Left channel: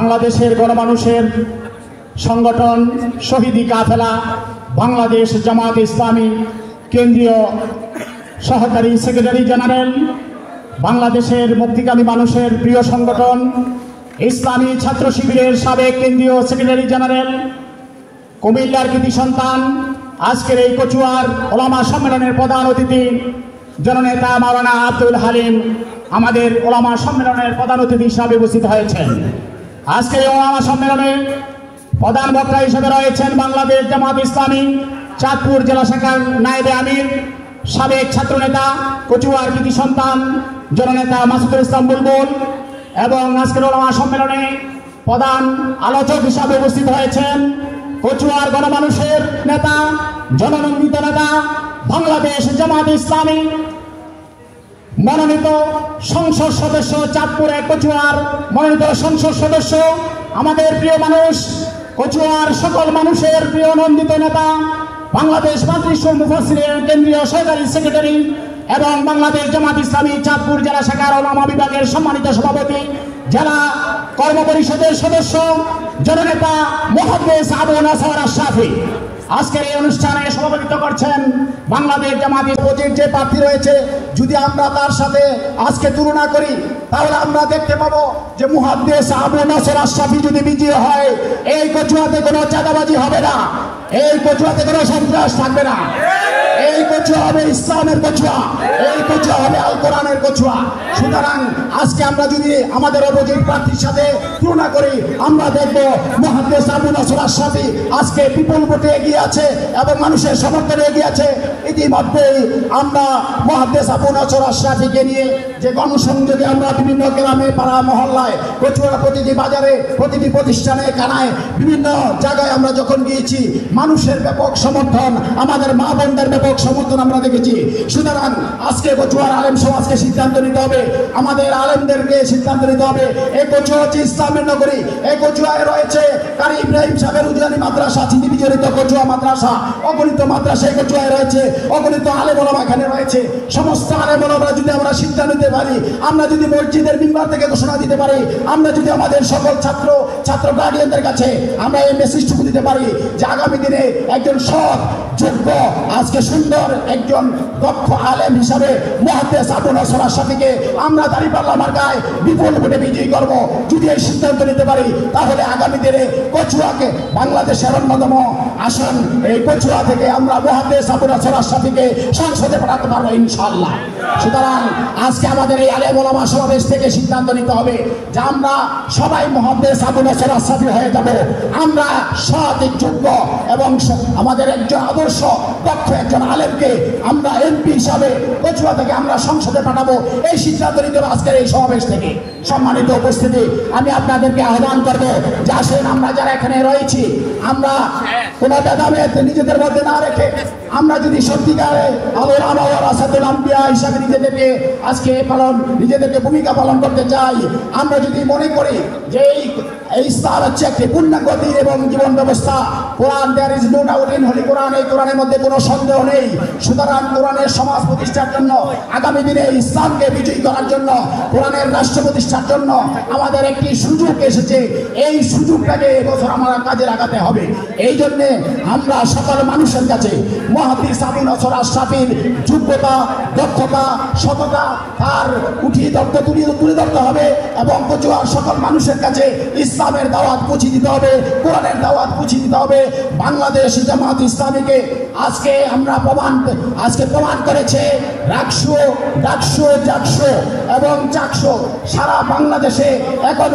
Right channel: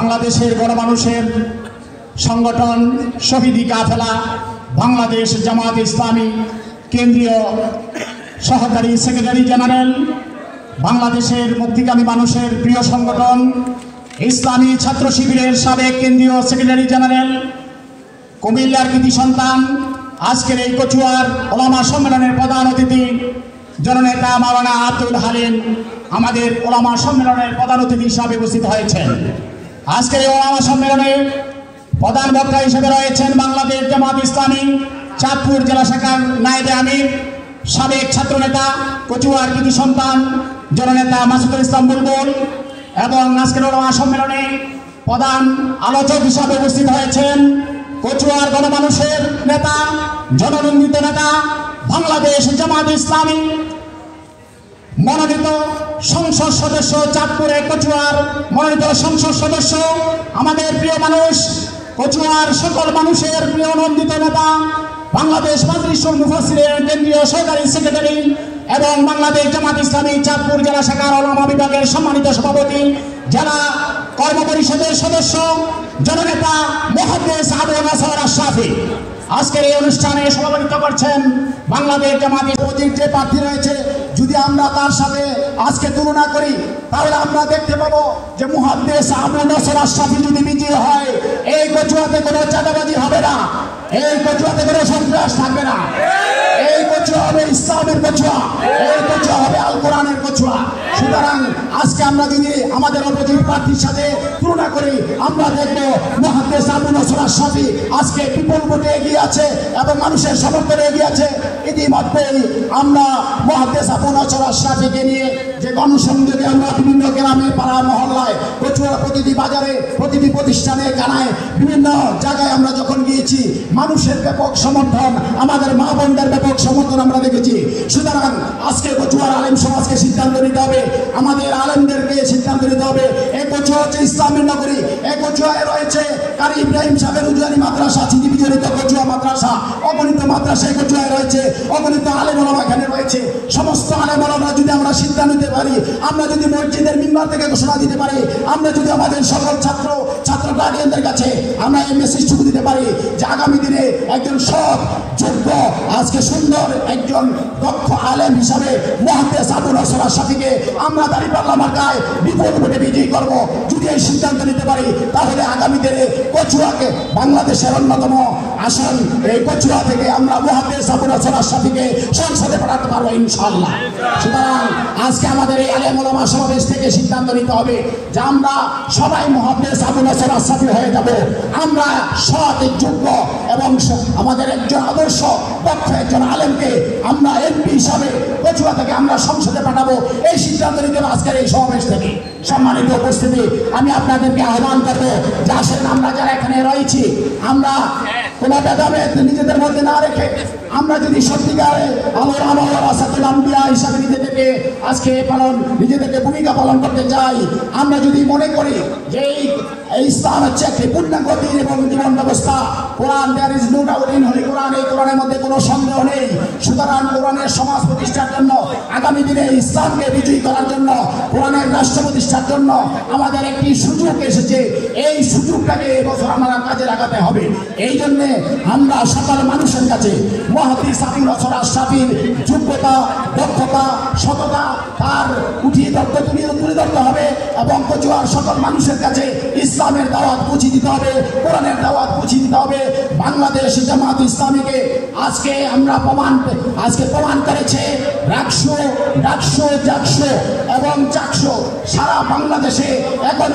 বাংলাদেশের গণমানুষের সংগঠন শহীদি কাফেলা বাংলাদেশ জামাত ইসলামী কেন্দ্রীয় সহকারী সেক্রেটারি জেনারেল, বাংলাদেশের মুক্তিকামী মানুষের প্রিয় সংগঠন ইসলামী ছাত্র শিবিরের সাবেক কেন্দ্রীয় সেক্রেটারি জেনারেল, কুমিল্লার কৃতি সন্তান, আজকের এই কচুয়ার ওলামা সম্মেলনের প্রধান অতিথি জননেতা মাওলানা আব্দুল হালিম আমাদের ওলামা সম্মেলনের প্রধান অতিথি হিসাবে উপস্থিত হয়েছেন। আজকে এই ওলামা সম্মেলনে প্রধান বক্তা হিসেবে রয়েছেন বাংলাদেশ জামাত ইসলামী চাঁদপুর জেলা শাখার নায়েবে আমির, সাবেক ছাত্রনেতা, কচুয়ার কৃতি সন্তান জননেতা মাসুদুল ইসলাম বুলবুল, এবং আজকের ওলামা সম্মেলনে প্রধান আলোচক হিসাবে উপস্থিত হয়েছেন কচুয়ার গণমানুষের নেতা, জননন্দিত নেতা, বাংলাদেশ জামাত ইসলামী মনোনীত সংসদ সদস্য, চাঁদপুর এক কচুয়ার মনোনীত সংসদ সদস্য, আমাদের প্রিয় মানুষ, কচুয়ার সকল মানুষের প্রিয় নন্দিত নেতা, বাংলাদেশ মাজলিসুল মুফাসসিরিন কেন্দ্রীয় সহকারী সেক্রেটারি এবং বাংলাদেশ জামাত ইসলামী চাঁদপুর জেলা শাখার ওলামা বিভাগের সম্মানিত সভাপতি, জেলা কর্ম পরিষদের সদস্য, জননেতা মুহাদ্দিস আবু নাসর আশরাফি। আজকের এই অনুষ্ঠানে সভাপতিত্ব করছেন বাংলাদেশ জামাত ইসলামীর যে প্রার্থী রয়েছে, যদি আমরা তার সাথে আজকে তুলনা করি তাহলে আমরা দেখতে পাবো যে মুহাদ্দিস আবু নাসর আশরাফি যদি বিজয়ী হয়, এই কচুয়াতে কোনো চাঁদাবাজি হবে না, এই কচুয়াতে কোনো সন্ত্রাস থাকবে না, এই কচুয়া হবে ইসলামের কচুয়া, এই কচুয়া হবে আল কোরআনের কচুয়া। সুতরাং আজকে আমরা যদি আমাদের অপোজিট প্রার্থীর সাথে তুলনা করি, আমরা দেখবো মুহাদ্দিস আবু নাসর আশরাফি আজকে বিপুল ভোটে এগিয়ে আছে এবং মানুষের সমর্থনে এগিয়ে আছে। ইতিমধ্যেই আমরা মুহাদ্দিস আবু নাসর আশরাফিকে নিয়ে যে গণসংযোগে আমরা বিভিন্ন গ্রামে পাড়া মহল্লায়, কচুয়ার প্রতিটি বাজারে, প্রতিটি প্রতিষ্ঠানে, কানায়, বিভিন্ন জায়গায় আমরা যখন গিয়েছি, মানুষের ব্যাপক সমর্থন, আমাদের মা বোনদের ব্যাপক সমর্থন আমরা দেখেছি। সুতরাং আজকে কচুয়ার আলেম সমাজকে সিদ্ধান্ত নিতে হবে, আমাদের আলেমদেরকে সিদ্ধান্ত নিতে হবে। এই কচুয়া হচ্ছে ইসলামের নগরী, এই কচুয়ায় রয়েছে কারি ইব্রাহিম সাহেবের উজলানি মাদ্রাসা, চিনিবিজড়িত কচুয়া মাদ্রাসা, অগণিত মাদ্রাসা এই কচুয়ায় রয়েছে, অগণিত আলেম ওলামা এখানে রয়েছে। সমস্ত আলেম ওলামা যদি আমরা সিদ্ধান্ত নিতে পারি, আমরা যদি মসজিদের মিম্বার থেকে ঘোষণা দিতে পারি, আমরা যদি আমাদের সকল ছাত্র গার্ডিয়ানদের কাছে আমরা এই মেসেজটুকু দিতে পারি যে আগামী দিনে একজন সৎ, যোগ্য, আজকে সুন্দর একজন দক্ষ আলেম হিসাবে মুহাদ্দিস আবু নাসর আশরাফিকে আমরা দাঁড়িপাল্লা মার্কায় বিপুল ভোটে বিজয়ী করব। যদি এই সিদ্ধান্ত নিতে পারি তাহলে আগামী দিনে কচুয়াকে বাংলাদেশের অন্যতম আসন, এই কচুয়া থেকে আমরা মুহাদ্দিস আবু নাসর আশরাফিকে সংসদে পাঠাতে পারবো ইনশাআল্লাহ। সুতরাং আজকে আমাদের এই আলেম ওলামা সমাবেশ থেকে সিদ্ধান্ত নিতে হবে যে আমরা সবাই মুহাদ্দিস আবু নাসর আশরাফি হয়ে যাব। আমরা সৎ, যোগ্য এবং আমাদের একজন আদর্শ দক্ষ একজন আলেমকে আমরা এমপি হিসাবে কচুয়া থেকে আমরা সংসদে পাঠাবো, এই সিদ্ধান্ত নিতে হবে আজকের এই সমাবেশ থেকে। সম্মানিত উপস্থিতি, আমি আপনাদেরকে আহ্বান করবো যে আসেন, আমরা যারা এখানে রয়েছি, আমরা কোনো ভেদাভেদ নিজেদের মধ্যে না রেখে আমরা যদি সত্যিকারে হিসাবে নিজেদেরকে আজকে নিজেদেরকে ভূমিকা পালন করতে চাই, আমরা যদি মনে করি যে এই ইসলাম হচ্ছে একটি পূর্ণাঙ্গ দ্বীন এবং জীবন ব্যবস্থা, Quran, there is no doubt in holy Quran, এই কোরআনের মধ্যে কোনো সন্দেহ নেই। সুতরাং কোরআনের সমাজ প্রতিষ্ঠার জন্য, আগামী দিনে ইসলামকে বিজয়ী করার জন্য, কোরআনের রাষ্ট্র প্রতিষ্ঠার জন্য আমাদের একটি সুযোগ এসেছে। এই সুযোগটাকে এবছর আমরা কাজে লাগাতে হবে। এই জন্যে আমরা সকল মানুষের কাছে মুহাদ্দিস আবু নাসর আশরাফির যোগ্যতা, দক্ষতা, সততা আর তুলে ধরতে হবে এবং কচুয়ার সকল মানুষের কাছে ইসলামের দাওয়াত পৌঁছে দিতে হবে, কোরআনের দাওয়াত পৌঁছে দিতে হবে। বাংলাদেশ জামাত ইসলামীকে আজকে আমরা প্রমাণ করেছে রাকসু, জাকসু এবং চাকসু সারা বাংলাদেশে এখন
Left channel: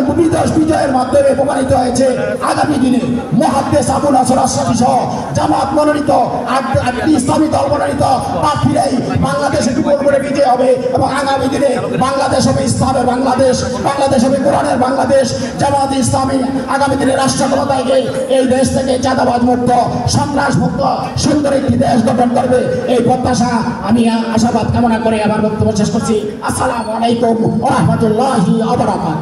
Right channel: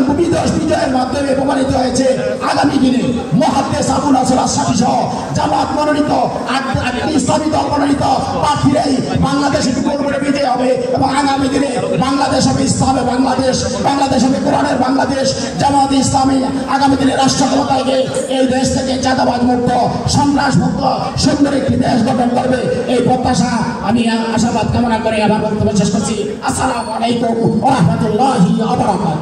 বিজয়ের মাধ্যমে প্রমাণিত হয়েছে। আগামী দিনে মুহাদ্দিস আবু নাসর আশরাফি সহ জামাত মনোনীত ইসলামী দল মনোনীত প্রার্থীরাই বাংলাদেশে বিপুল করে বিজয় হবে এবং আগামী দিনে বাংলাদেশ হবে ইসলামের বাংলাদেশ, বাংলাদেশ হবে কোরআনের বাংলাদেশ। জামাত ইসলামী আগামী দিনে রাষ্ট্র ক্ষমতাকে এই দেশ থেকে চাঁদাবাদ মুক্ত, সন্ত্রাস মুক্ত সুন্দর একটি দেশ গঠন করবে, এই প্রত্যাশা আমি আশাবাদ কামনা করে আমার বক্তব্য শেষ করছি। আসসালামু আলাইকুম ওয়া রাহমাতুল্লাহি ওয়া বারাকাতুহু।